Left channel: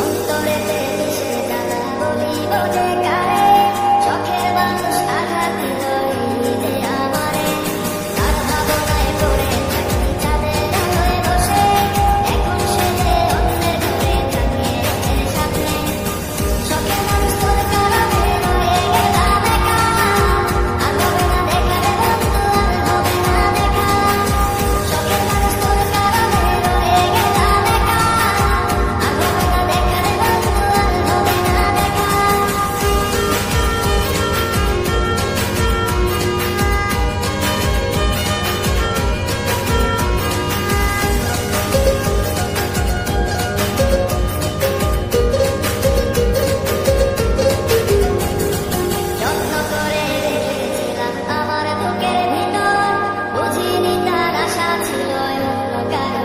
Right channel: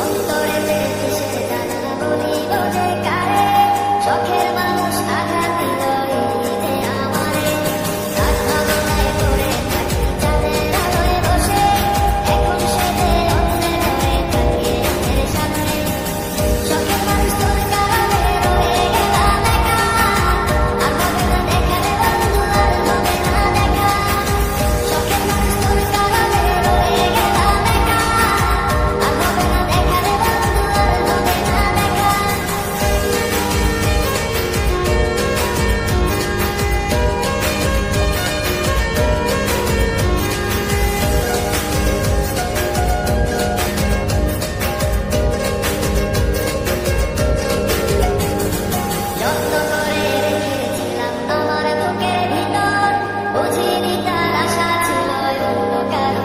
অন্তরেতে কিসের জ্বালা বলিব যে কারে, শখের মানুষ আঘাত দিল এই ঈদে আমারে। তার ভাবনায় পড়ে থাকি চাঁদের আলোয় বসে, এখন সে যে অন্যের ঘরে থাকে অন্যের সাথে। শখের মানুষ তোর কারণে রয়ে গেলাম একা, আর হবে না দেখা রে বন্ধু, আর হবে না দেখা। শখের মানুষ তোর কারণে রয়ে গেলাম একা, আর হবে না দেখা রে বন্ধু, আর হবে না দেখা। যত্ন করে রেখেছিলাম আমার বুকের ভিতর, বুঝিনি তার আশা ছিল অন্য কারো